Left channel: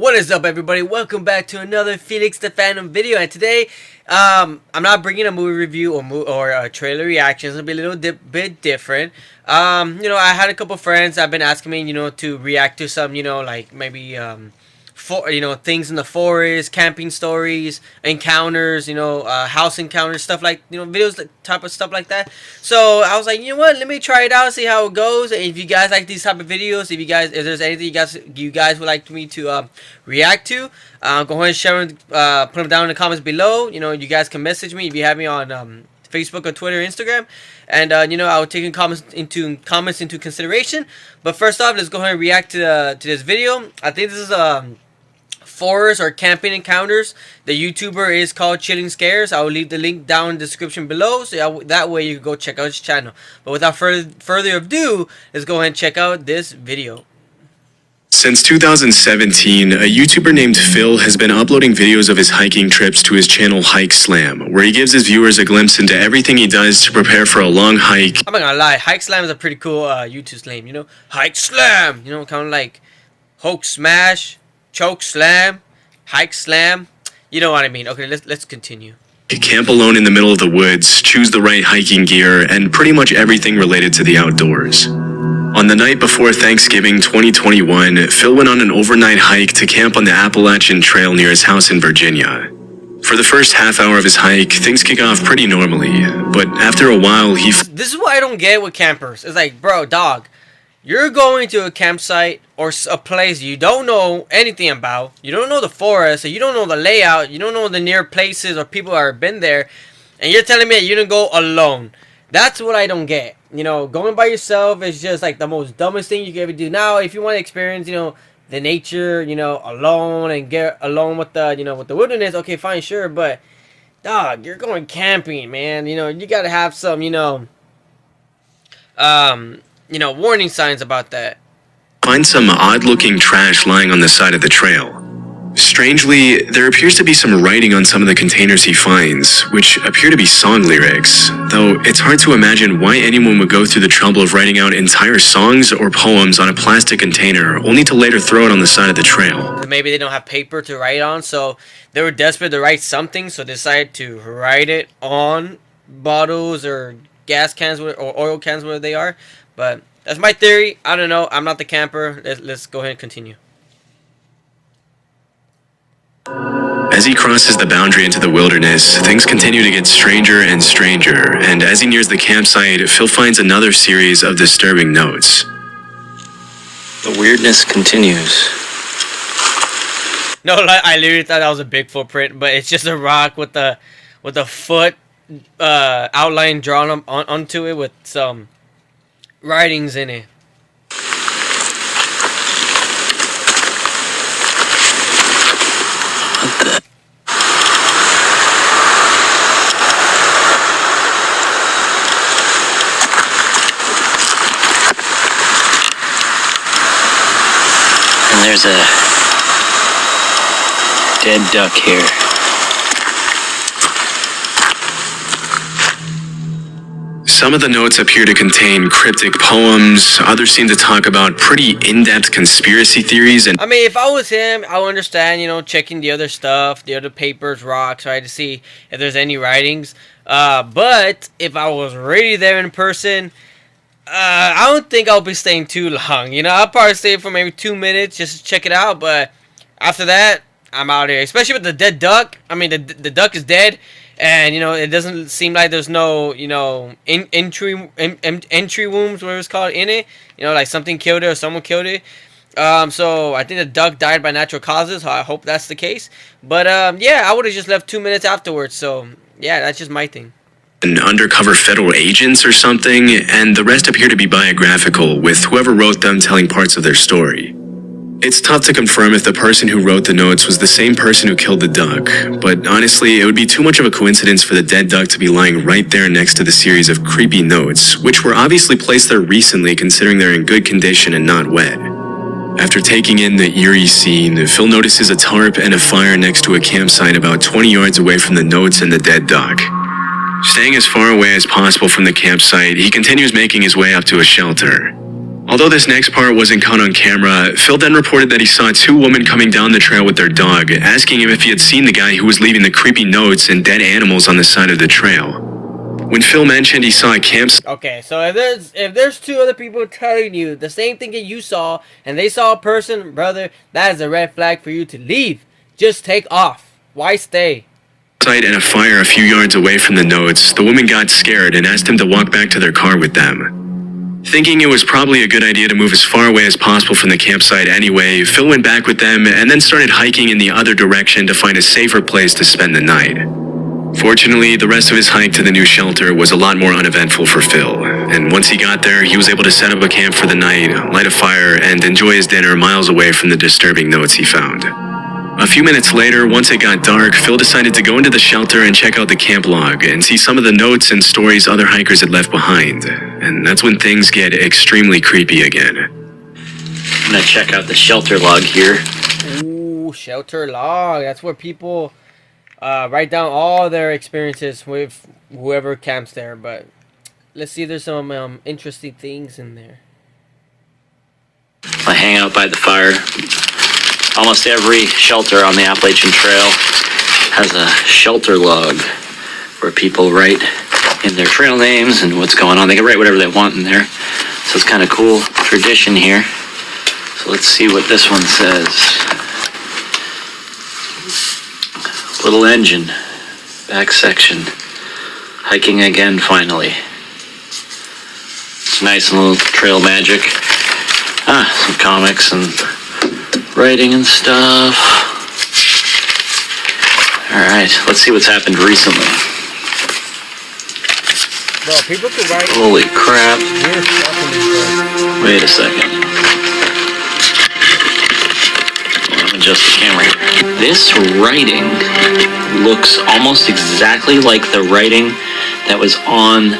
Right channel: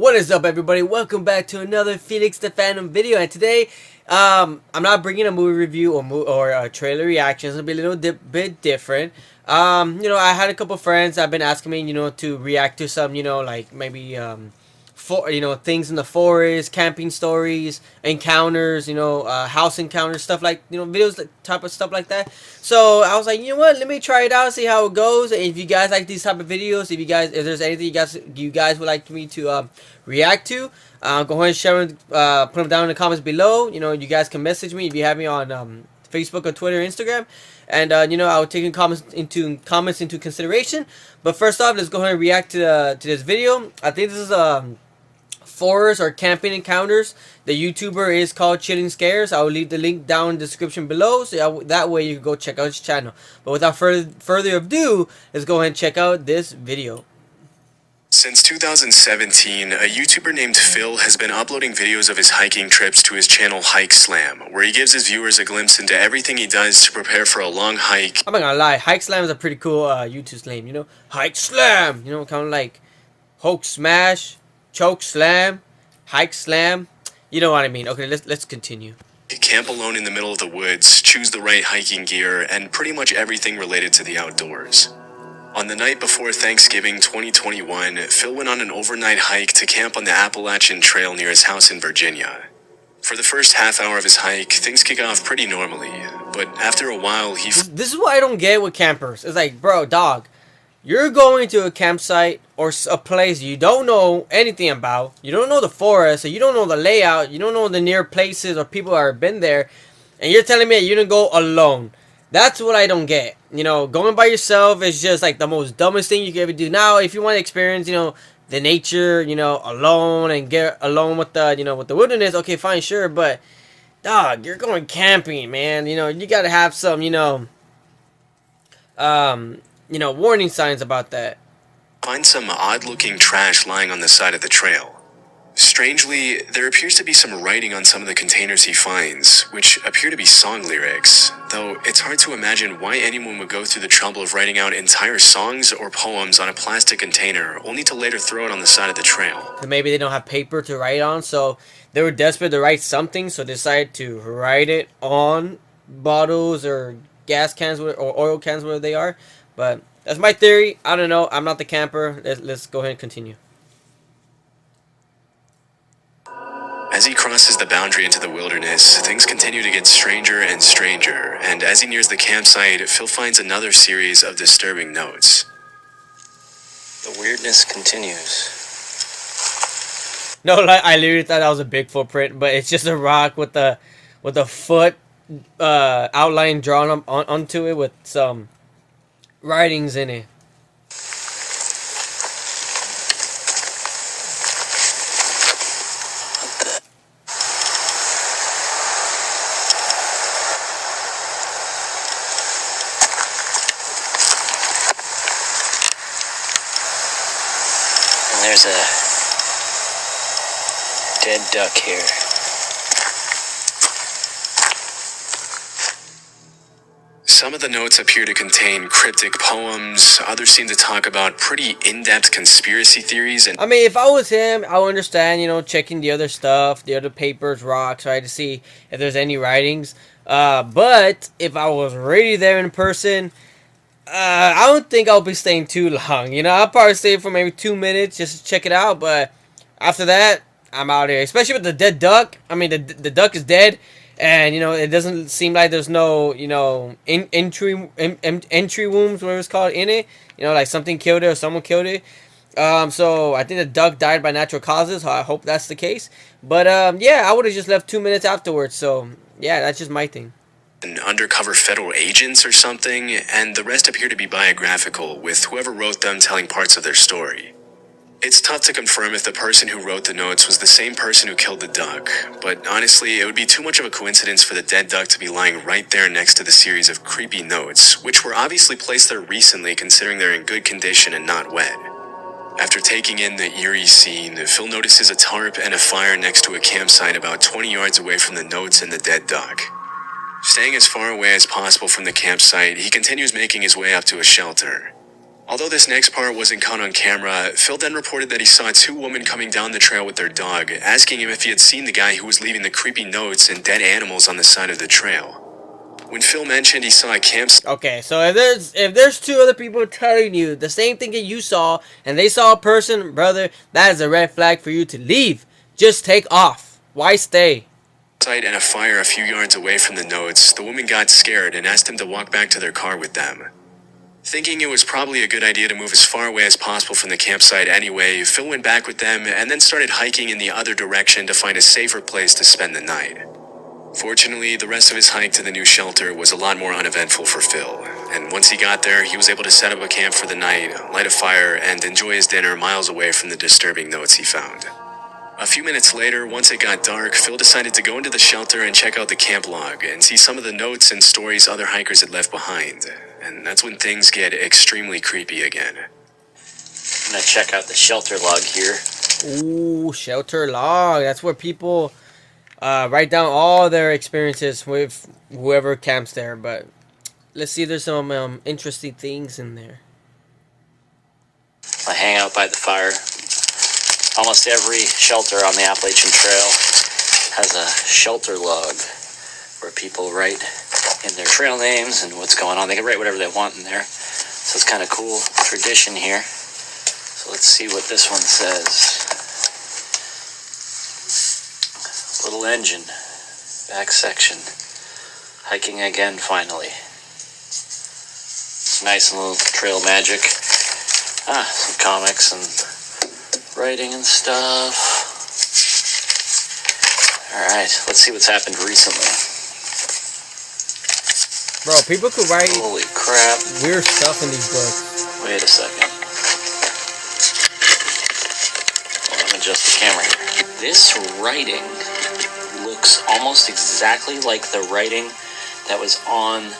What is up, everybody? Welcome back to another Felix the Phantom video. And today, I'm not bringing a movie review or a trailer reaction. It's gonna be a little bit different. I had a couple friends that have been asking me, to react to some, like maybe things in the forest, camping stories, encounters, house encounters, stuff like, videos, like, type of stuff like that. So I was like, you know what, let me try it out, see how it goes. And if you guys like these type of videos, if there's anything you guys would like me to react to, go ahead and share them, put them down in the comments below. You guys can message me if you have me on Facebook or Twitter, Instagram, and I'll take comments into consideration. But first off, let's go ahead and react to this video. I think this is forest or camping encounters. The YouTuber is called Chilling Scares. I will leave the link down in the description below, so that way you can go check out his channel. But without further ado, let's go ahead and check out this video. Since 2017, a YouTuber named Phil has been uploading videos of his hiking trips to his channel Hike Slam, where he gives his viewers a glimpse into everything he does to prepare for a long hike. I'm not gonna lie, Hike Slam is a pretty cool YouTube name, Hike Slam, kind of like Hulk Smash, Choke Slam, Hike Slam, you know what I mean. Okay, let's continue. Camp alone in the middle of the woods, choose the right hiking gear, and pretty much everything related to the outdoors. On the night before Thanksgiving 2021, Phil went on an overnight hike to camp on the Appalachian Trail near his house in Virginia. For the first half hour of his hike, things kick off pretty normally, but after a while This is what I don't get with campers. It's like, bro, dog, you're going to a campsite or a place you don't know anything about. You don't know the forest, or you don't know the layout, you don't know the near places or people that have been there, and you're telling me that you didn't go alone. That's what I don't get. Going by yourself is just like the most dumbest thing you can ever do. Now, if you want to experience, the nature, alone and get alone with the, with the wilderness, okay, fine, sure. But, dog, you're going camping, man. You got to have some, warning signs about that. Find some odd-looking trash lying on the side of the trail. Strangely, there appears to be some writing on some of the containers he finds, which appear to be song lyrics, though it's hard to imagine why anyone would go through the trouble of writing out entire songs or poems on a plastic container, only to later throw it on the side of the trail. Maybe they don't have paper to write on, so they were desperate to write something, so they decided to write it on bottles or gas cans or oil cans, where they are. But that's my theory. I don't know. I'm not the camper. Let's go ahead and continue. As he crosses the boundary into the wilderness, things continue to get stranger and stranger, and as he nears the campsite, Phil finds another series of disturbing notes. The weirdness continues. No, I literally thought that was a big footprint, but it's just a rock with a foot outline drawn onto it with some writings in it. And there's a dead duck here. Some of the notes appear to contain cryptic poems, others seem to talk about pretty in-depth conspiracy theories, and I mean, if I was him, I would understand, checking the other stuff, the other papers, rocks, right, to see if there's any writings. But if I was really there in person, I don't think I'll be staying too long. I'll probably stay for maybe 2 minutes just to check it out. But after that, I'm out of here. Especially with the dead duck. I mean, the duck is dead. And, it doesn't seem like there's no, entry wounds, whatever it's called, in it. Like something killed it or someone killed it. So I think the duck died by natural causes. So I hope that's the case. But, yeah, I would have just left 2 minutes afterwards. So, yeah, that's just my thing. Undercover federal agents or something, and the rest appear to be biographical, with whoever wrote them telling parts of their story. It's tough to confirm if the person who wrote the notes was the same person who killed the duck, but honestly, it would be too much of a coincidence for the dead duck to be lying right there next to the series of creepy notes, which were obviously placed there recently considering they're in good condition and not wet. After taking in the eerie scene, Phil notices a tarp and a fire next to a campsite about 20 yards away from the notes and the dead duck. Staying as far away as possible from the campsite, he continues making his way up to a shelter. Although this next part wasn't caught on camera, Phil then reported that he saw two women coming down the trail with their dog, asking him if he had seen the guy who was leaving the creepy notes and dead animals on the side of the trail. When Phil mentioned he saw a campsite. Okay, so if there's two other people telling you the same thing that you saw, and they saw a person, brother, that is a red flag for you to leave. Just take off. Why stay? And a fire a few yards away from the notes, the woman got scared and asked him to walk back to their car with them. Thinking it was probably a good idea to move as far away as possible from the campsite anyway, Phil went back with them and then started hiking in the other direction to find a safer place to spend the night. Fortunately, the rest of his hike to the new shelter was a lot more uneventful for Phil, and once he got there, he was able to set up a camp for the night, light a fire, and enjoy his dinner miles away from the disturbing notes he found. A few minutes later, once it got dark, Phil decided to go into the shelter and check out the camp log and see some of the notes and stories other hikers had left behind. And that's when things get extremely creepy again. I'm gonna check out the shelter log here. Ooh, shelter log. That's where people write down all their experiences with whoever camps there. But let's see if there's some interesting things in there. I hang out by the fire. Almost every shelter on the Appalachian Trail has a shelter log where people write in their trail names and what's going on. They can write whatever they want in there. So it's kind of cool tradition here. So let's see what this one says. Little engine, back section. Hiking again finally. It's nice and little trail magic. Some comics and writing and stuff. Alright, let's see what's happened recently. Bro, people could write Holy crap. weird stuff in these books. Wait a second. Hold on, I'm adjust the camera here. This writing looks almost exactly like the writing that was on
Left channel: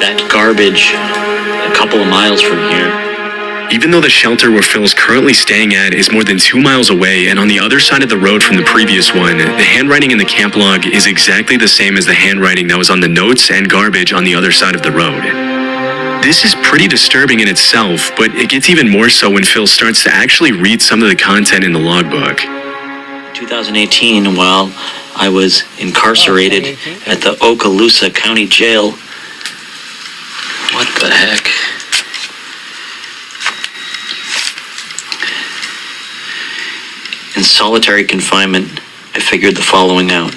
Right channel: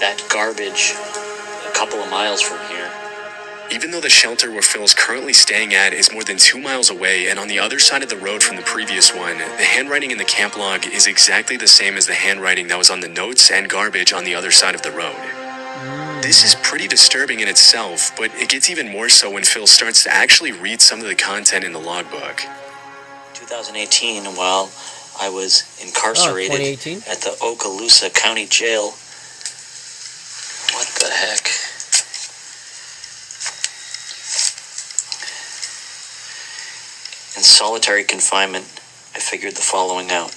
that garbage a couple of miles from here. Even though the shelter where Phil's currently staying at is more than 2 miles away and on the other side of the road from the previous one, the handwriting in the camp log is exactly the same as the handwriting that was on the notes and garbage on the other side of the road. This is pretty disturbing in itself, but it gets even more so when Phil starts to actually read some of the content in the logbook. 2018, while I was incarcerated at the Okaloosa County Jail. What the heck? In solitary confinement, I figured the following out.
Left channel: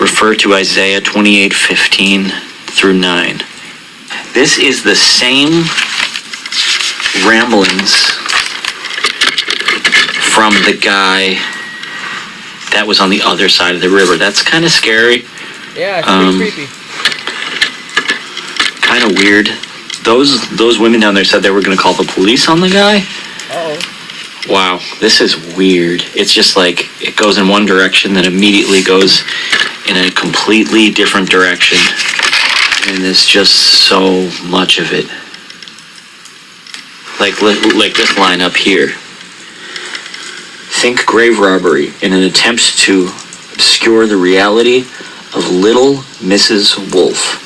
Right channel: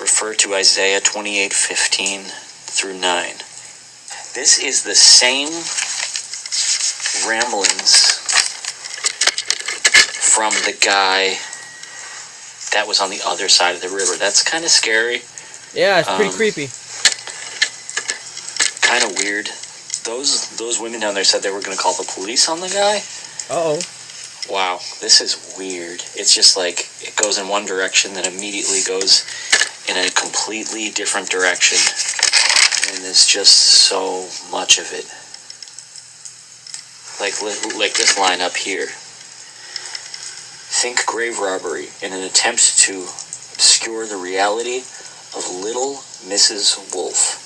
Refer to Isaiah 28:15 through 9. This is the same ramblings from the guy that was on the other side of the river. That's kind of scary. Yeah, it's pretty creepy. Kind of weird. Those women down there said they were going to call the police on the guy. Uh-oh. Wow, this is weird. It's just like it goes in one direction, then immediately goes in a completely different direction. And there's just so much of it. Like this line up here. Think grave robbery in an attempt to obscure the reality of Little Mrs. Wolf.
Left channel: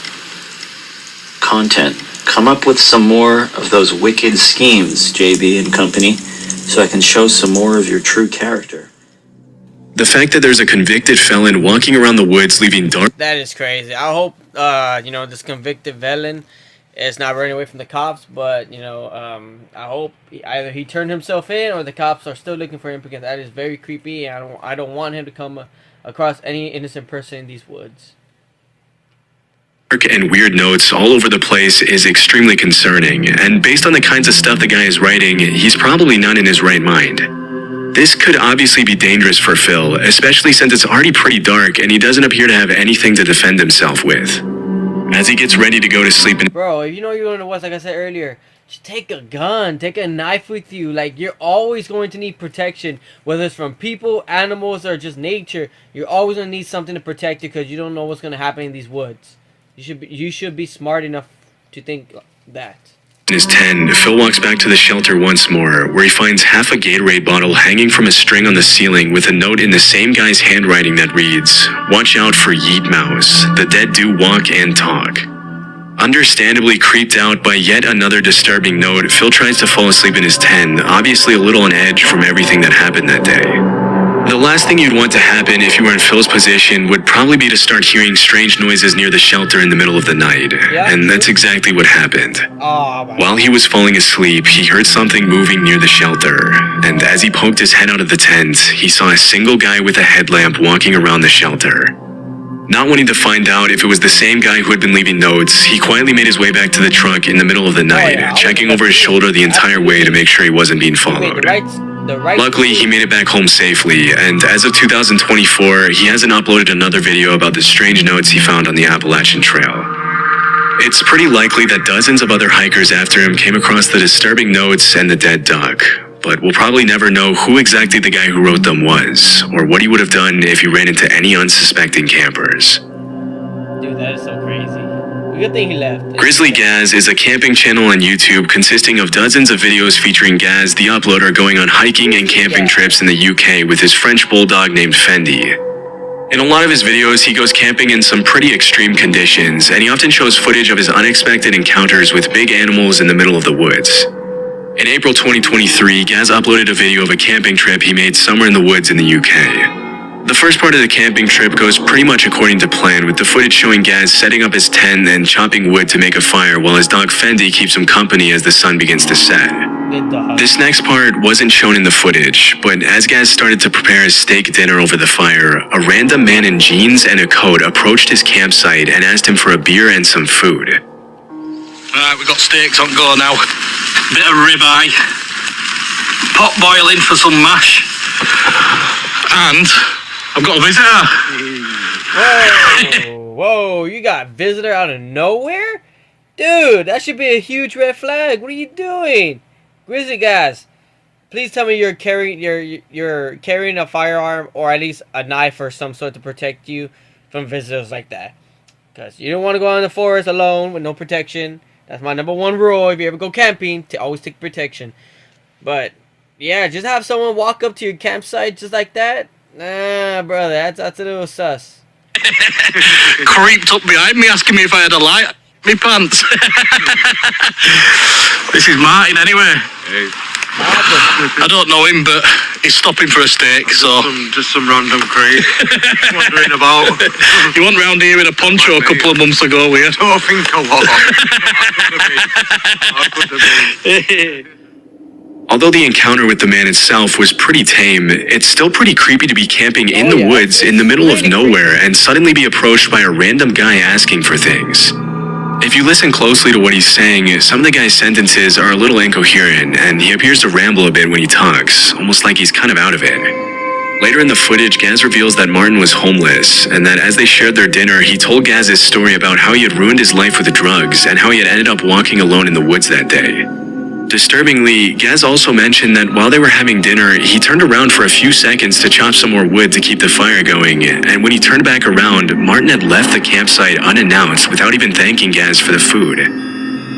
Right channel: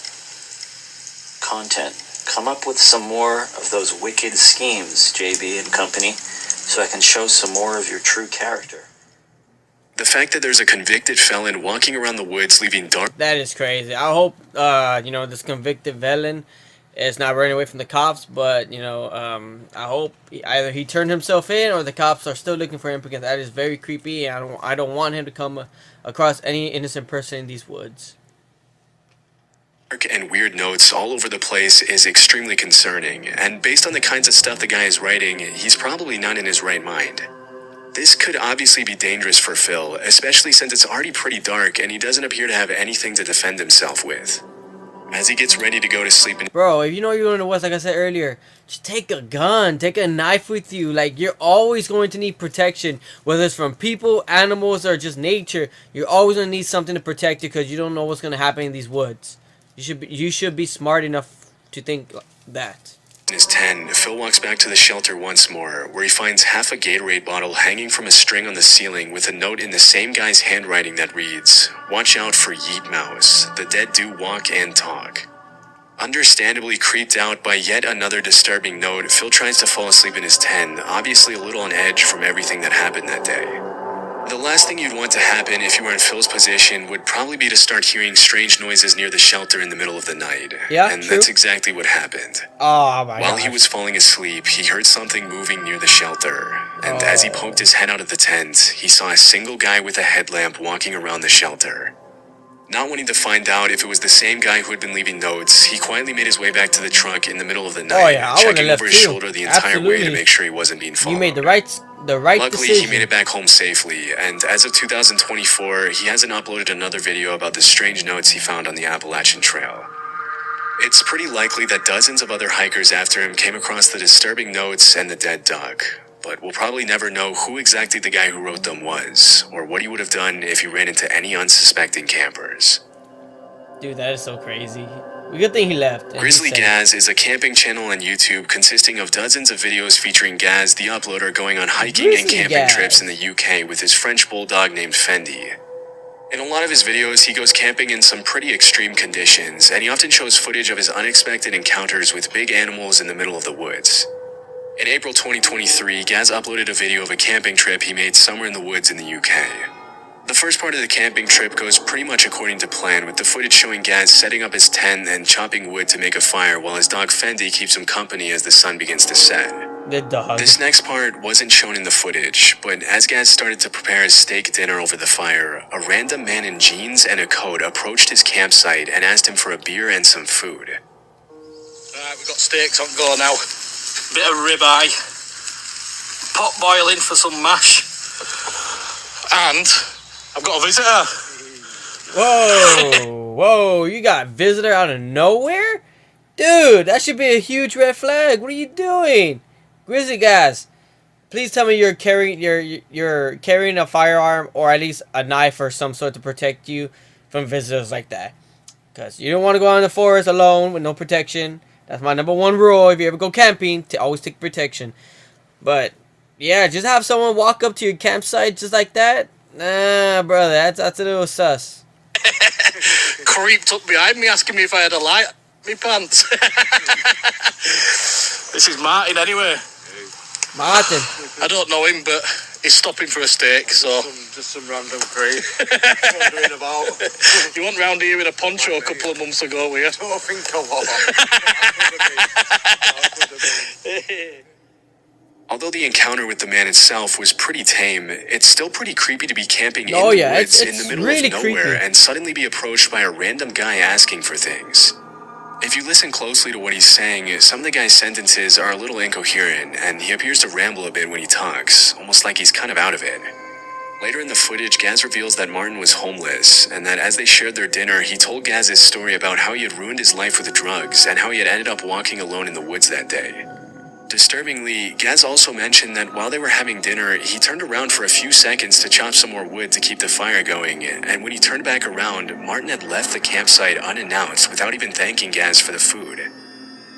Content. Come up with some more of those wicked schemes, JB and company, so I can show some more of your true character. The fact that there's a convicted felon walking around the woods leaving dark... That is crazy. I hope, this convicted felon is not running away from the cops, but, I hope either he turned himself in or the cops are still looking for him, because that is very creepy, and I don't want him to come across any innocent person in these woods. And weird notes all over the place is extremely concerning, and based on the kinds of stuff the guy is writing, he's probably not in his right mind. This could obviously be dangerous for Phil, especially since it's already pretty dark and he doesn't appear to have anything to defend himself with. As he gets ready to go to sleep Bro, if you know you're in the West, like I said earlier, just take a gun, take a knife with you. Like, you're always going to need protection, whether it's from people, animals, or just nature. You're always going to need something to protect you, because you don't know what's going to happen in these woods. You should be smart enough to think that. In his 10, Phil walks back to the shelter once more, where he finds half a Gatorade bottle hanging from a string on the ceiling with a note in the same guy's handwriting that reads, "Watch out for Yeet Mouse. The dead do walk and talk." Understandably creeped out by yet another disturbing note, Phil tries to fall asleep in his tent, obviously a little on edge from everything that happened that day. The last thing you'd want to happen if you were in Phil's position would probably be to start hearing strange noises near the shelter in the middle of the night. Yeah, and true. that's exactly what happened. Oh my While God. he was falling asleep, he heard something moving near the shelter, and as he poked his head out of the tent, he saw a single guy with a headlamp walking around the shelter. Not wanting to find out if it was the same guy who had been leaving notes, he quietly made his way back to the truck in the middle of the night, yeah, I checking would've over his left too. shoulder the entire way to Absolutely. make sure he wasn't being He followed. made the right Luckily, he decision. made it back home safely, and as of 2024, he hasn't uploaded another video about the strange notes he found on the Appalachian Trail. It's pretty likely that dozens of other hikers after him came across the disturbing notes and the dead duck, but we'll probably never know who exactly the guy who wrote them was, or what he would have done if he ran into any unsuspecting campers. Dude, that is so crazy. Good thing he left. Grizzly Gaz is a camping channel on YouTube consisting of dozens of videos featuring Gaz, the uploader, going on hiking and Grizzly camping Gaz. trips in the UK with his French bulldog named Fendi. In a lot of his videos, he goes camping in some pretty extreme conditions, and he often shows footage of his unexpected encounters with big animals in the middle of the woods. In April 2023, Gaz uploaded a video of a camping trip he made somewhere in the woods in the UK. The first part of the camping trip goes pretty much according to plan, with the footage showing Gaz setting up his tent and chopping wood to make a fire while his dog Fendi keeps him company as the sun begins to set. The dog. This next part wasn't shown in the footage, but as Gaz started to prepare his steak dinner over the fire, a random man in jeans and a coat approached his campsite and asked him for a beer and some food. Right, we've got steaks on go now. Bit of ribeye. Pot boiling for some mash. And I've got a visitor. Whoa, you got a visitor out of nowhere? Dude, that should be a huge red flag. What are you doing? Grizzly Gaz, please tell me you're carrying a firearm or at least a knife or some sort to protect you from visitors like that. Because you don't want to go out in the forest alone with no protection. That's my number one rule. If you ever go camping, to always take protection. But yeah, just have someone walk up to your campsite just like that. Nah, brother, that's a little sus. Creeped up behind me asking me if I had a light in my pants. This is Martin anyway. Martin. I don't know him, but he's stopping for a steak, so... Just some random crate wandering about. You went round here with a poncho a couple of months ago, were you? Don't think a lot. I could have been. Although the encounter with the man itself was pretty tame, it's still pretty creepy to be camping in the woods in the middle of really nowhere creepy. and suddenly be approached by a random guy asking for things. If you listen closely to what he's saying, some of the guy's sentences are a little incoherent, and he appears to ramble a bit when he talks, almost like he's kind of out of it. Later in the footage, Gaz reveals that Martin was homeless, and that as they shared their dinner, he told Gaz his story about how he had ruined his life with the drugs, and how he had ended up walking alone in the woods that day. Disturbingly, Gaz also mentioned that while they were having dinner, he turned around for a few seconds to chop some more wood to keep the fire going, and when he turned back around, Martin had left the campsite unannounced without even thanking Gaz for the food.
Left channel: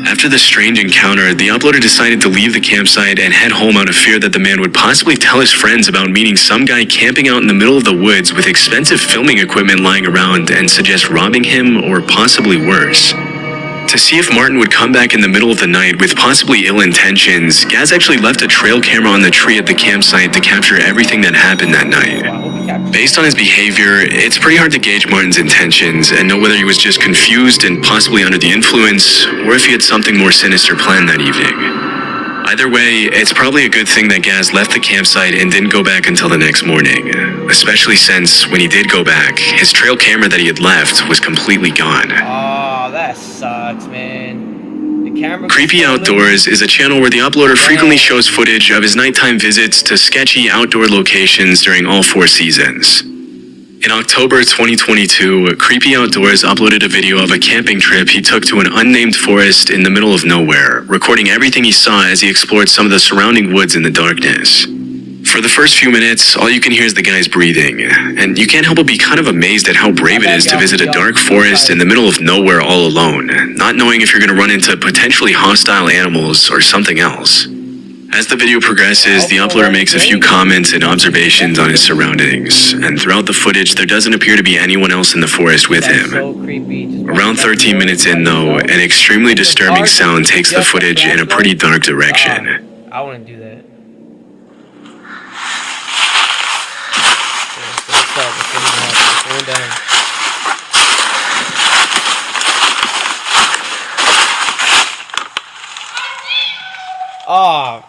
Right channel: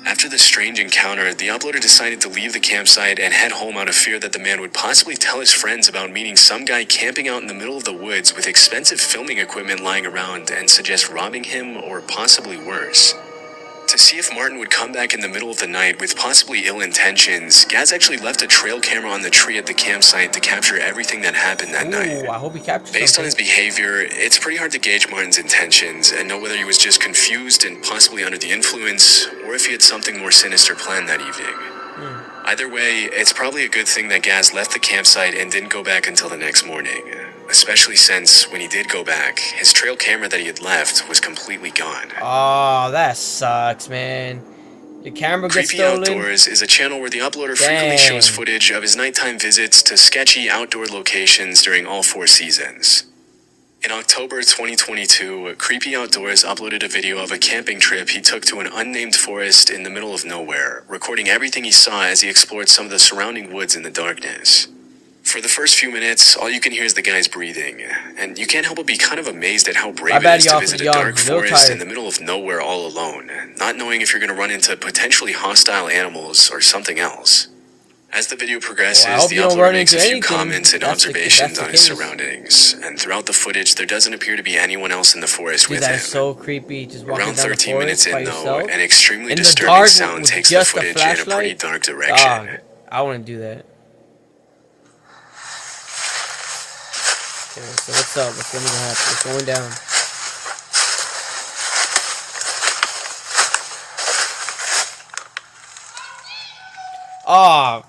After the strange encounter, the uploader decided to leave the campsite and head home out of fear that the man would possibly tell his friends about meeting some guy camping out in the middle of the woods with expensive filming equipment lying around and suggest robbing him or possibly worse. To see if Martin would come back in the middle of the night with possibly ill intentions, Gaz actually left a trail camera on the tree at the campsite to capture everything that happened that night. Oh, I hope he captured. Based on his behavior, it's pretty hard to gauge Martin's intentions and know whether he was just confused and possibly under the influence, or if he had something more sinister planned that evening. Either way, it's probably a good thing that Gaz left the campsite and didn't go back until the next morning, especially since when he did go back, his trail camera that he had left was completely gone. Oh, that sucks, man. The camera gets Creepy stolen. Outdoors is a channel where the uploader frequently Dang. shows footage of his nighttime visits to sketchy outdoor locations during all 4 seasons. In October 2022, Creepy Outdoors uploaded a video of a camping trip he took to an unnamed forest in the middle of nowhere, recording everything he saw as he explored some of the surrounding woods in the darkness. For the first few minutes, all you can hear is the guy's breathing, and you can't help but be kind of amazed at how brave it is to visit a dark forest in the middle of nowhere all alone, not knowing if you're going to run into potentially hostile animals or something else. As the video progresses, Well, the I hope you uploader don't makes a run into few anything. comments and That's observations on his good. surroundings, and throughout the footage, there doesn't appear to be anyone else in the forest with That's him. so creepy. Just walking Around down the 13 forest minutes by in, though, yourself. an extremely In the disturbing darkness sound with takes the just a footage in a pretty flashlight? dark direction. I wouldn't do that. Okay, so what's up? What's going to happen? What's going down? Ah.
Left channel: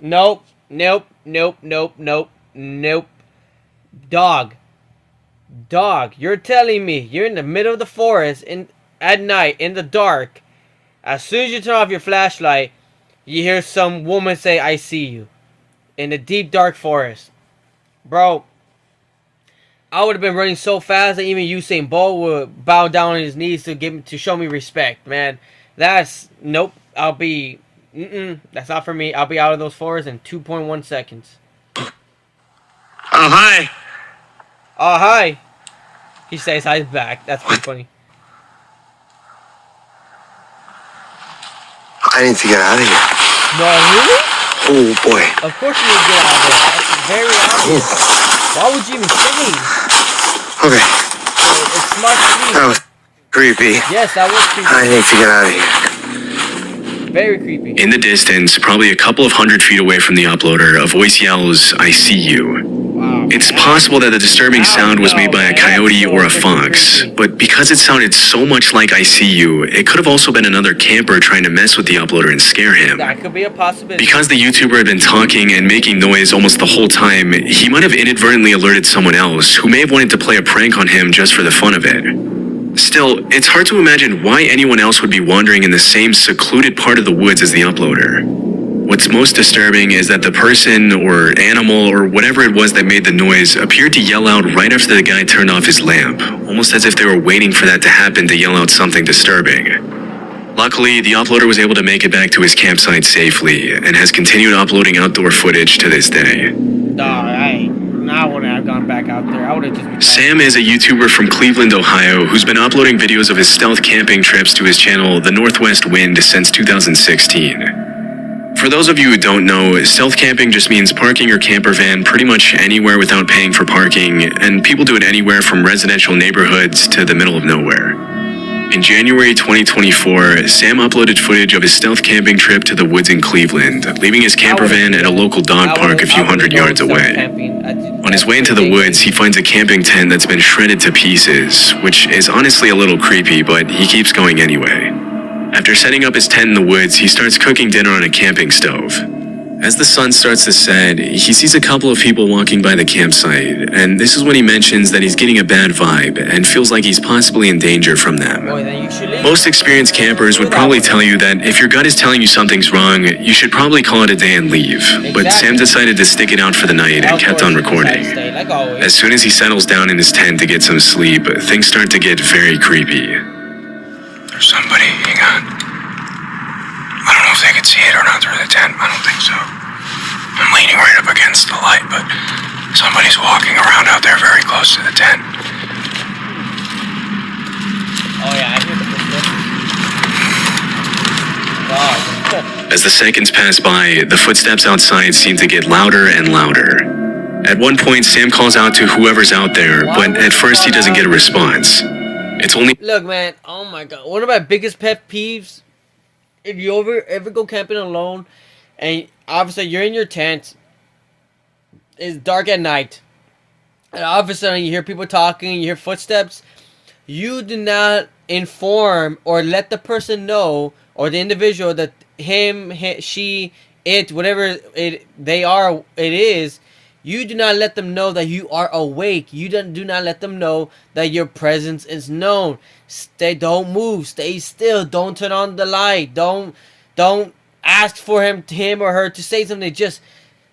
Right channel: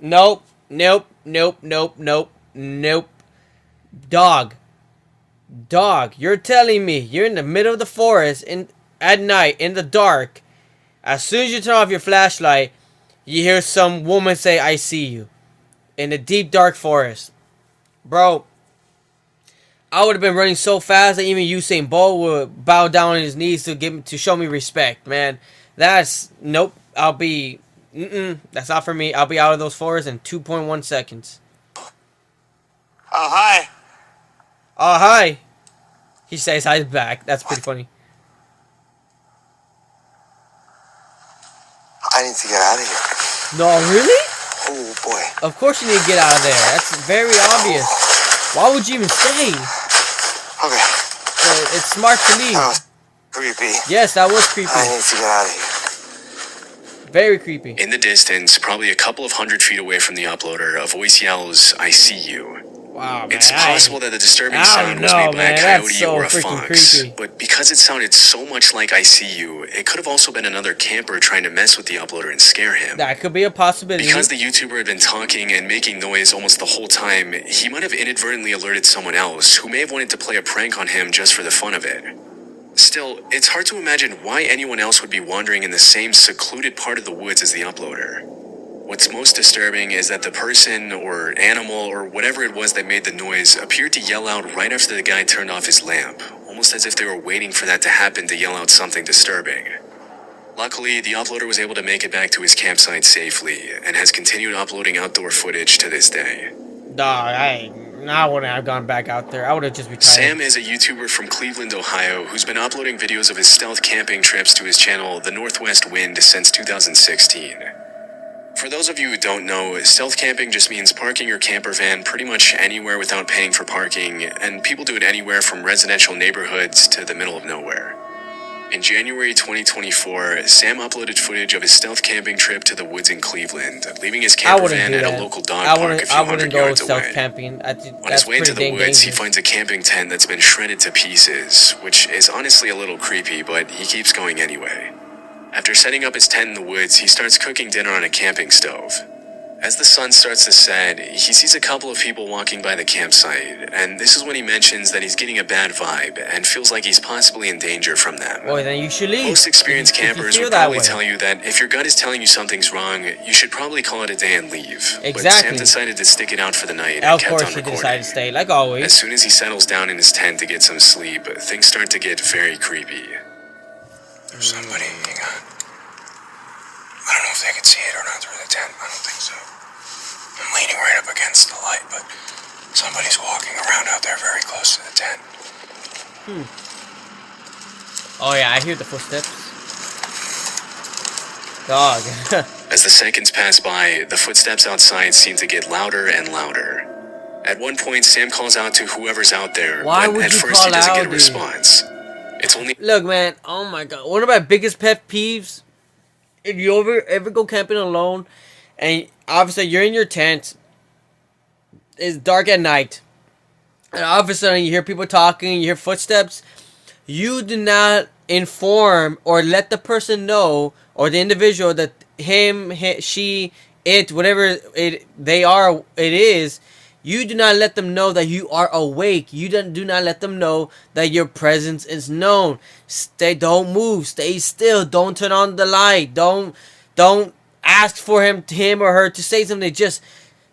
Nope. Nope. Nope. Nope. Nope. Nope. Dog. Dog. You're telling me you're in the middle of the forest at night in the dark. As soon as you turn off your flashlight, you hear some woman say, "I see you," in the deep dark forest. Bro, I would have been running so fast that even Usain Bolt would bow down on his knees to show me respect, man. That's nope. I'll be that's not for me. I'll be out of those forests in 2.1 seconds. Oh, hi. Oh, hi. He says hi back. That's pretty funny. I need to get out of here. No, really? Oh, boy. Of course you need to get out of there. That's very obvious. Why would you even stay? Okay, It's smart to that leave. was creepy. Yes, that was creepy. I need to get out of here. Very creepy. In the distance, probably a couple of hundred feet away from the uploader, a voice yells, "I see you." Wow. It's man. possible that the disturbing I sound was know, made by man. a coyote That's so or a freaking fox, creepy. but because it sounded so much like "I see you," it could have also been another camper trying to mess with the uploader and scare him. That could be a possibility. Because the YouTuber had been talking and making noise almost the whole time, he might have inadvertently alerted someone else who may have wanted to play a prank on him just for the fun of it. Still, it's hard to imagine why anyone else would be wandering in the same secluded part of the woods as the uploader. What's most disturbing is that the person or animal or whatever it was that made the noise appeared to yell out right after the guy turned off his lamp, almost as if they were waiting for that to happen to yell out something disturbing. Luckily, the uploader was able to make it back to his campsite safely and has continued uploading outdoor footage to this day. Dog, I wouldn't have gone back out there. I would have just retired. Sam is a YouTuber from Cleveland, Ohio, who's been uploading videos of his stealth camping trips to his channel, The Northwest Wind, since 2016. For those of you who don't know, stealth camping just means parking your camper van pretty much anywhere without paying for parking, and people do it anywhere from residential neighborhoods to the middle of nowhere. In January 2024, Sam uploaded footage of his stealth camping trip to the woods in Cleveland, leaving his camper van at a local dog park a few hundred yards away. On his way into the woods, he finds a camping tent that's been shredded to pieces, which is honestly a little creepy, but he keeps going anyway. After setting up his tent in the woods, he starts cooking dinner on a camping stove. As the sun starts to set, he sees a couple of people walking by the campsite, and this is when he mentions that he's getting a bad vibe and feels like he's possibly in danger from them. Boy, then you should leave. Most experienced campers would probably tell you that if your gut is telling you something's wrong, you should probably call it a day and leave. But Exactly. Sam decided to stick it out for the night and Of kept course on you decided recording. to stay, like always. As soon as he settles down in his tent to get some sleep, things start to get very creepy. There's somebody. Hang on. I don't know if they can see it or not through the tent. I don't think so. I'm leaning right up against the light, but somebody's walking around out there very close to the tent. Oh yeah, I hear the footsteps. Dog. As the seconds pass by, the footsteps outside seem to get louder and louder. At one point, Sam calls out to whoever's out there, Why but would at you first he call doesn't out, get a dude? response. It's only Look, man. Oh my god. One of my biggest pet peeves. If you ever go camping alone, and obviously you're in your tent, it's dark at night, and all of a sudden you hear people talking, you hear footsteps, you do not inform or let the person know, or the individual, that him, she, it, whatever it is, you do not let them know that you are awake. You do not let them know that your presence is known. Don't move. Stay still. Don't turn on the light. Don't ask for him or her to say something. Just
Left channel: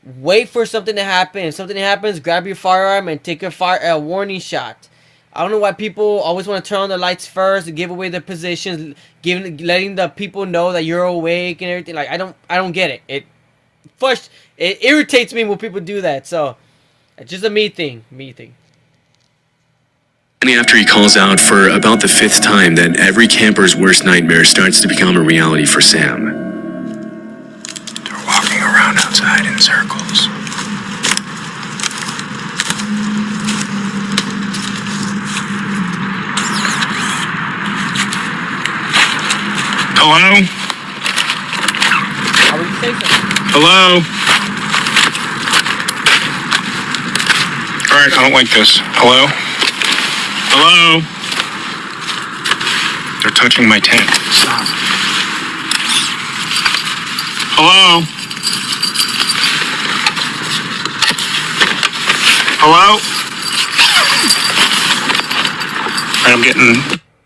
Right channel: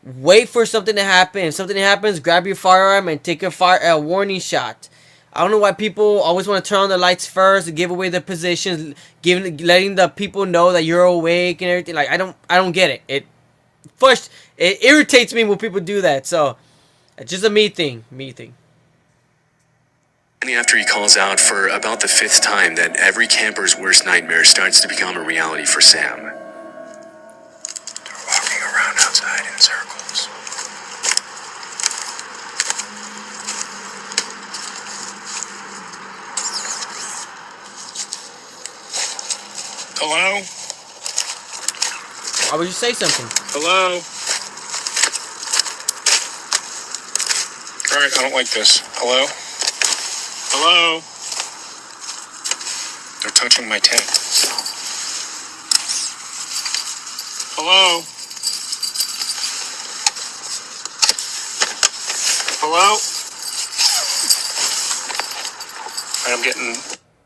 wait for something to happen. If something happens, grab your firearm and take a warning shot. I don't know why people always want to turn on the lights first and give away their positions, letting the people know that you're awake and everything. Like I don't get it. It irritates me when people do that. So it's just a me thing. only after he calls out for about the 5th time that every camper's worst nightmare starts to become a reality for Sam. They're walking around outside in circles. Hello? How would you say something? Hello? Alright, I don't like this. Hello? Hello? They're touching my tent. Stop. Hello? Hello? Alright, I'm getting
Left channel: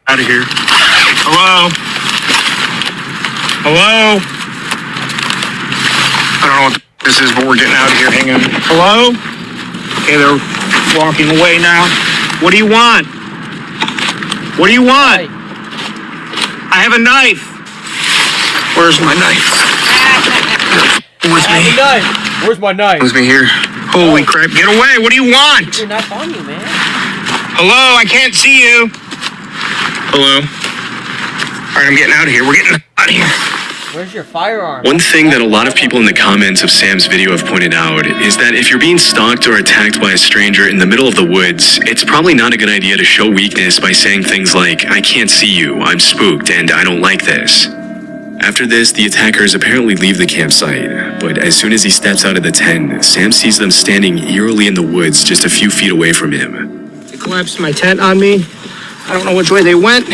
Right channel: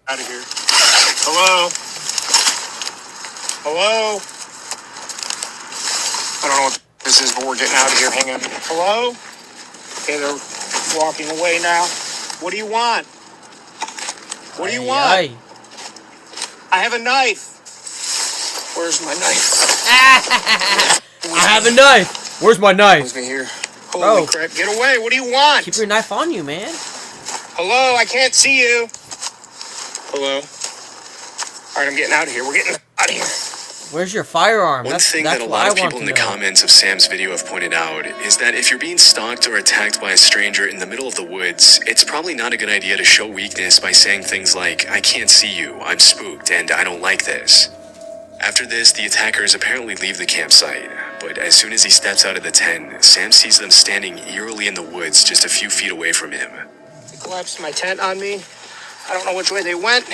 out of here. Hello? Hello? I don't know what this is, but we're getting out of here. Hang on. Hello? Okay, they're walking away now. What do you want? What do you want? Hey, I have a knife. Where's my knife? I have a knife. Where's my knife? With me here. Holy Oh. crap, get away! What do you Keep want? your knife on you, man. Hello, I can't see you. Hello? Alright, I'm getting out of here. We're getting out of here. Where's your firearm? One thing that a That's lot what of I people in want the to know. comments of Sam's video have pointed out is that if you're being stalked or attacked by a stranger in the middle of the woods, it's probably not a good idea to show weakness by saying things like, I can't see you, I'm spooked, and I don't like this. After this, the attackers apparently leave the campsite, but as soon as he steps out of the tent, Sam sees them standing eerily in the woods just a few feet away from him. They collapsed my tent on me. I don't know which way they went.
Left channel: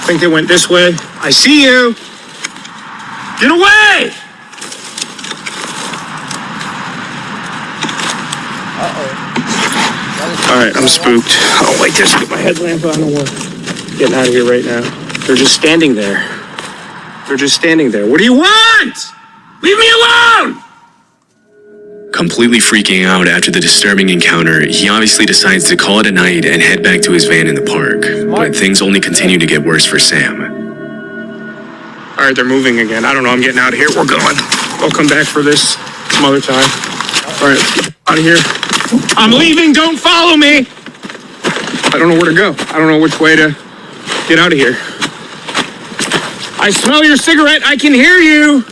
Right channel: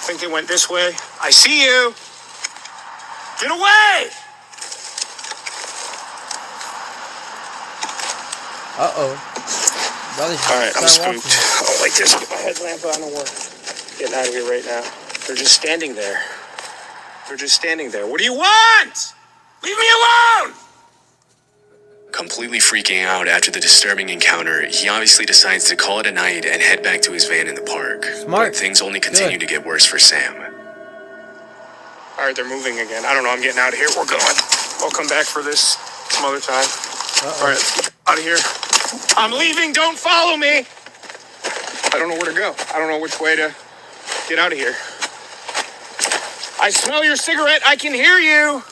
I think they went this way. I see you. Get away! Uh-oh. All right, I'm spooked. I don't like this. Get my headlamp on and we're getting out of here right now. They're just standing there. They're just standing there. What do you want? Leave me alone! Completely freaking out after the disturbing encounter, he obviously decides to call it a night and head back to his van in the park. Smart. But things only continue to get worse for Sam. All right, they're moving again. I don't know. I'm getting out of here. We're going. I'll come back for this some other time. All right, out of here. I'm leaving. Don't follow me. I don't know where to go. I don't know which way to get out of here. I smell your cigarette. I can hear you.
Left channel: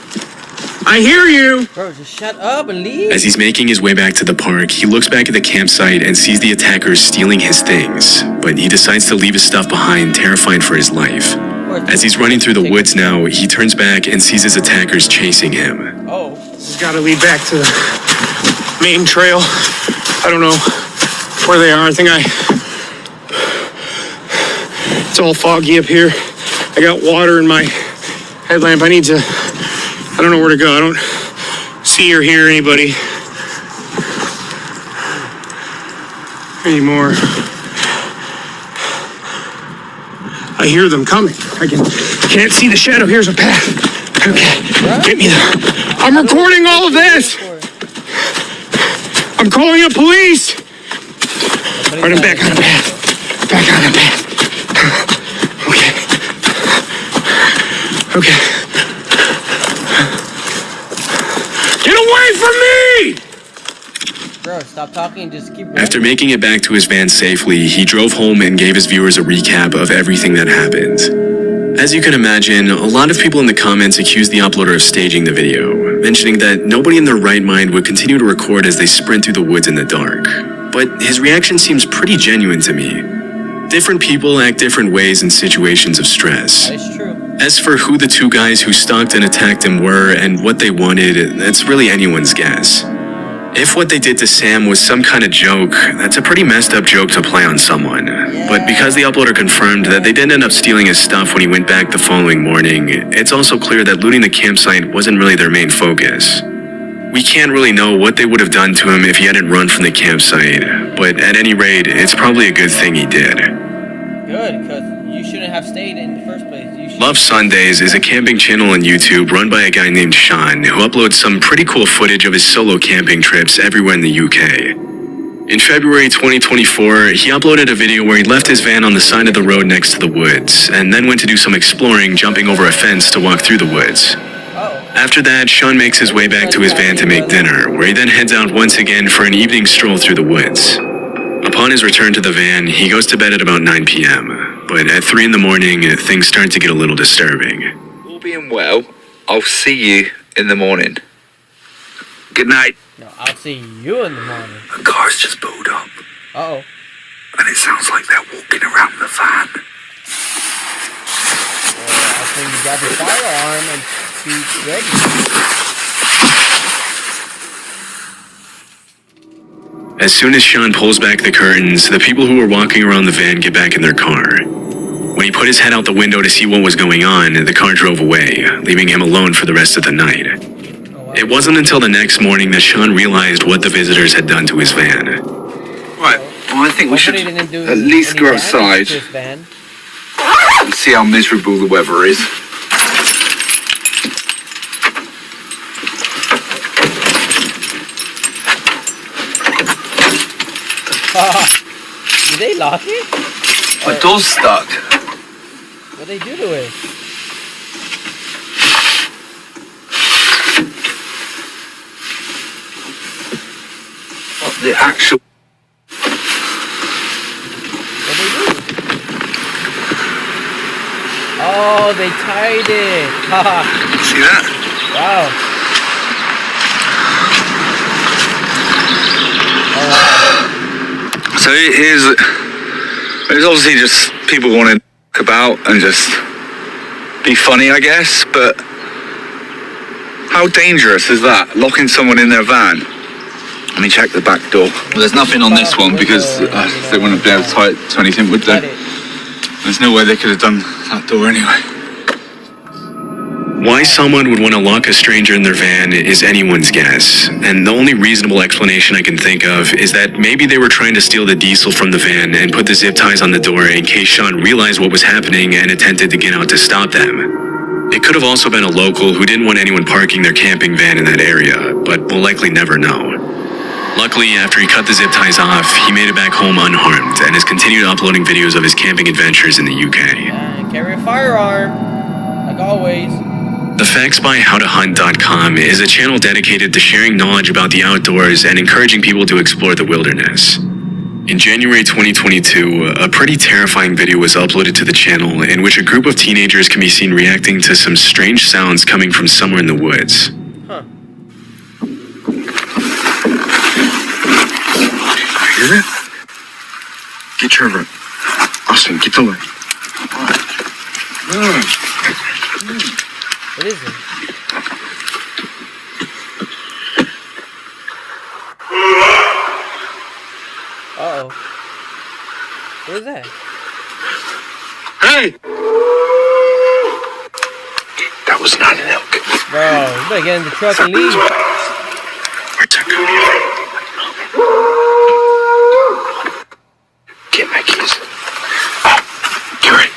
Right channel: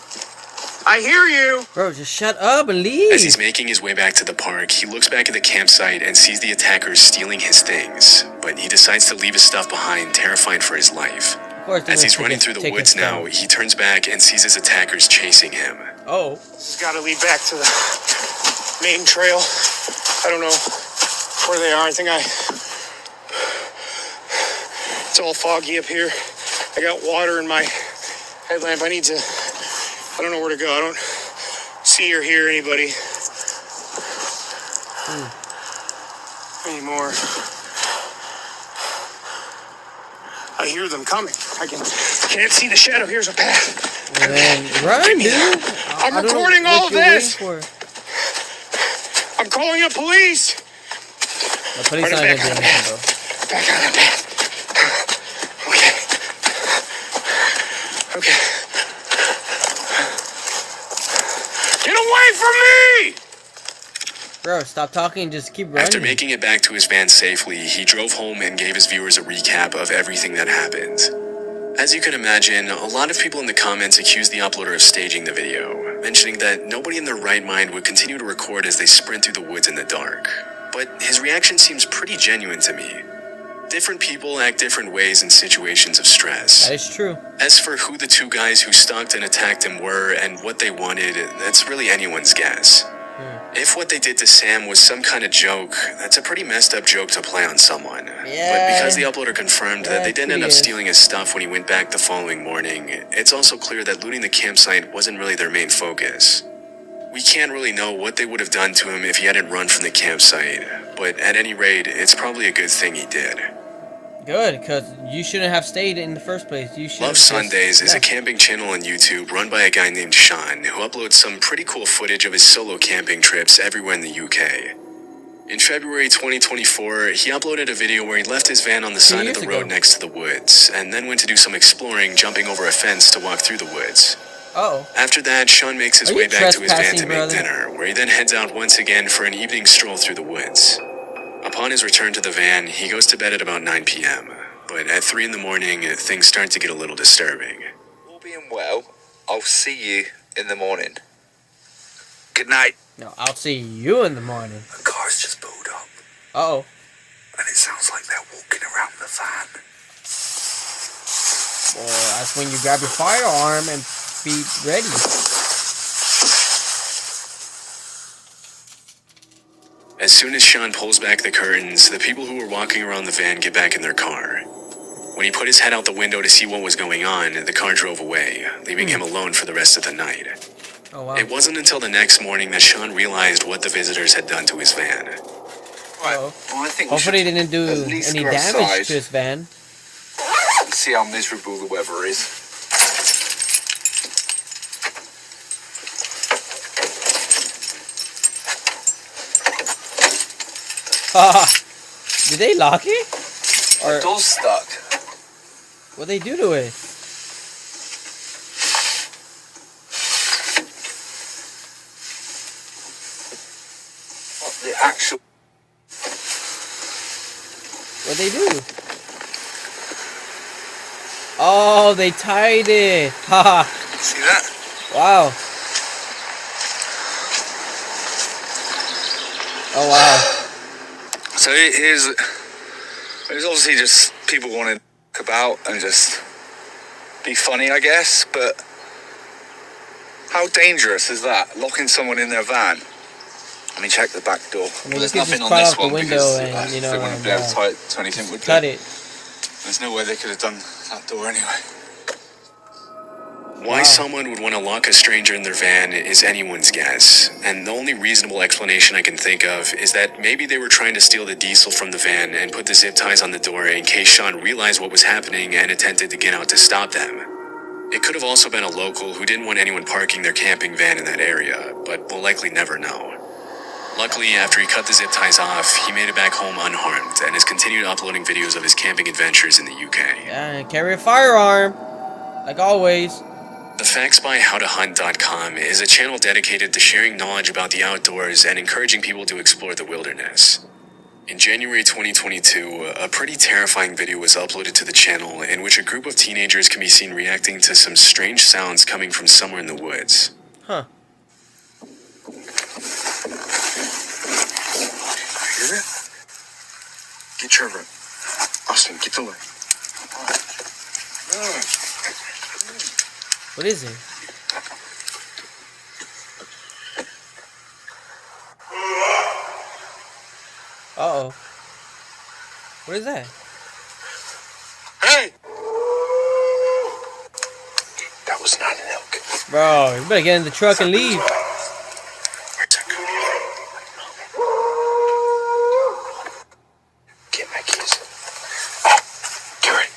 I hear you. Bro, just shut up and leave. As he's making his way back to the park, he looks back at the campsite and sees the attackers stealing his things, but he decides to leave his stuff behind, terrified for his life. Of course, As he's running through the woods now, he turns back and sees his attackers chasing him. Oh. This has got to lead back to the main trail. I don't know where they are. It's all foggy up here. I got water in my headlamp. I don't know where to go. I don't see or hear anybody anymore. I hear them coming. I can't see the shadow. Here's a path. Okay. Right? Get me there. I'm recording all of this. I'm calling up police. All right, I'm back on the path. Back on the path. Okay. Get away from me! Bro, stop talking and just keep running. After making it back to his van safely, he drove home and gave his viewers a recap of everything that happened. As you can imagine, a lot of people in the comments accused the uploader of staging the video, mentioning that nobody in their right mind would continue to record as they sprint through the woods in the dark. But his reaction seems pretty genuine to me. Different people act different ways in situations of stress. That is true. As for who the two guys who stalked and attacked him were and what they wanted, that's really anyone's guess. If what they did to Sam was some kind of joke, that's a pretty messed up joke to play on someone. But because the uploader confirmed that they didn't end up stealing his stuff when he went back the following morning, it's also clear that looting the campsite wasn't really their main focus. We can't really know what they would have done to him if he hadn't run from the campsite, but at any rate, it's probably a good thing he did. Good, because you shouldn't have stayed in the first place. You should. Love Sundays is a camping channel on YouTube run by a guy named Sean, who uploads some pretty cool footage of his solo camping trips everywhere in the UK. In February 2024, he uploaded a video where he left his van on the side of the road next to the woods, and then went to do some exploring, jumping over a fence to walk through the woods. Oh. After that, Sean makes his way back to his van to make dinner, where he then heads out once again for an evening stroll through the woods. Upon his return to the van, he goes to bed at about 9 p.m., but at 3 in the morning, things start to get a little disturbing. All being well, I'll see you in the morning. Good night. No, I'll see you in the morning. A car's just pulled up, Uh-oh. and it sounds like they're walking around the van. Well, that's when you grab your firearm and be ready. As soon as Sean pulls back the curtains, the people who were walking around the van get back in their car. When he put his head out the window to see what was going on, the car drove away, leaving him alone for the rest of the night. Oh, wow. It wasn't until the next morning that Sean realized what the visitors had done to his van. Right, well, I think we should Hopefully they didn't do at least any go damage outside to his van. and see how miserable the weather is. Did they lock it? My door's stuck. What they do to it? The actual... What they do? Oh, they tied it. Haha. See that? Wow. Oh wow. So here's obviously just people wanting to about and just be funny, I guess, but how dangerous is that? Locking someone in their van? Let me check the back door. Well, there's nothing on this one because they wouldn't be able to tie it to anything, would Cut they? it. There's no way they could have done that door anyway. Why someone would want to lock a stranger in their van is anyone's guess, and the only reasonable explanation I can think of is that maybe they were trying to steal the diesel from the van and put the zip ties on the door in case Sean realized what was happening and attempted to get out to stop them. It could have also been a local who didn't want anyone parking their camping van in that area, but we'll likely never know. Luckily, after he cut the zip ties off, he made it back home unharmed and has continued uploading videos of his camping adventures in the UK. Yeah, and carry a firearm, like always. The FactsByHowToHunt.com is a channel dedicated to sharing knowledge about the outdoors and encouraging people to explore the wilderness. In January 2022, a pretty terrifying video was uploaded to the channel in which a group of teenagers can be seen reacting to some strange sounds coming from somewhere in the woods. Huh. Hear it? Get Trevor. Austin, get the way. What is it? Uh-oh. What is that? Hey! That was not an elk. Bro, you better get in the truck and leave. Where's that coming? Get my keys. Oh, Gary.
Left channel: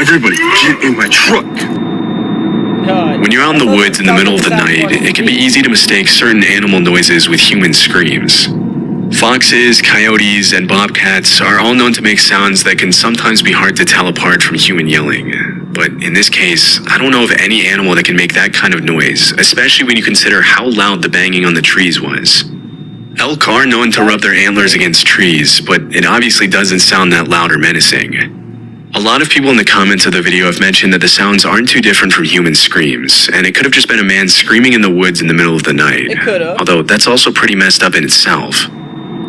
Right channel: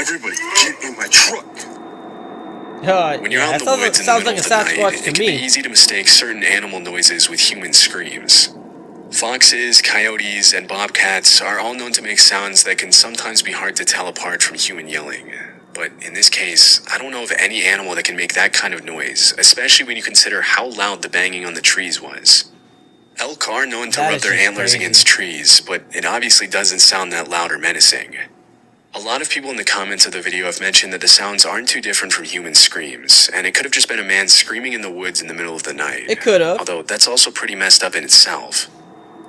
Everybody, get in my truck. When you're out in the woods in the middle of the night, it can be easy to mistake certain animal noises with human screams. Foxes, coyotes, and bobcats are all known to make sounds that can sometimes be hard to tell apart from human yelling. But in this case, I don't know of any animal that can make that kind of noise, especially when you consider how loud the banging on the trees was. Elk are known to rub their antlers against trees, but it obviously doesn't sound that loud or menacing. A lot of people in the comments of the video have mentioned that the sounds aren't too different from human screams, and it could have just been a man screaming in the woods in the middle of the night. It could have. Although that's also pretty messed up in itself.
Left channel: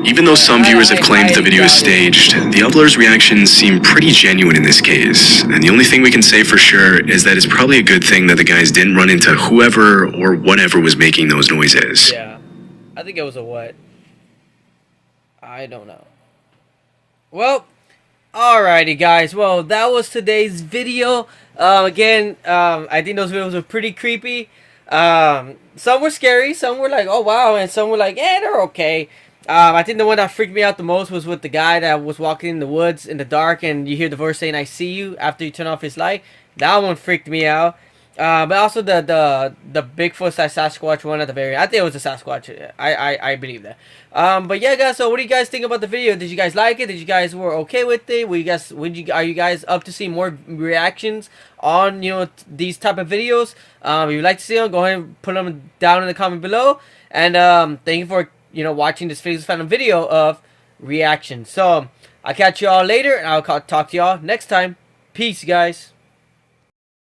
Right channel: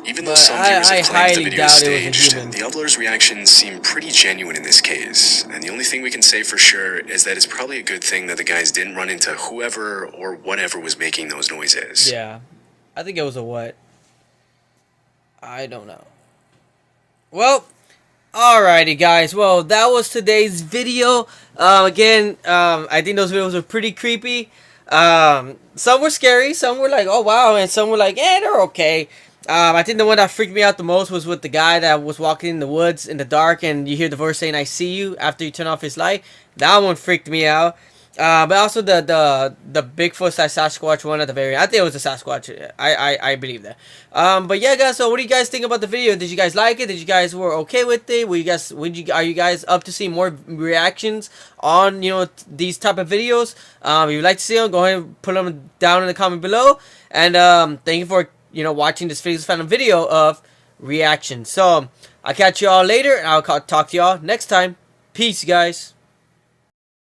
Even though some viewers have claimed the video is staged, the uploader's reactions seem pretty genuine in this case, and the only thing we can say for sure is that it's probably a good thing that the guys didn't run into whoever or whatever was making those noises. Yeah. I think it was a what? I don't know. Well, alrighty guys, well that was today's video. Again, I think those videos were pretty creepy. Some were scary, some were like, oh wow, and some were like, eh, they're okay. I think the one that freaked me out the most was with the guy that was walking in the woods in the dark and you hear the voice saying, I see you, after you turn off his light. That one freaked me out. But also the Bigfoot / Sasquatch one at the very end. I think it was a Sasquatch. I believe that. But yeah, guys. So what do you guys think about the video? Did you guys like it? Did you guys were okay with it? Are you guys up to see more reactions on these type of videos? If you'd like to see them, go ahead and put them down in the comment below. And thank you for watching this Felix the Phantom video of reaction. So I'll catch you all later, and I'll talk to y'all next time. Peace, guys.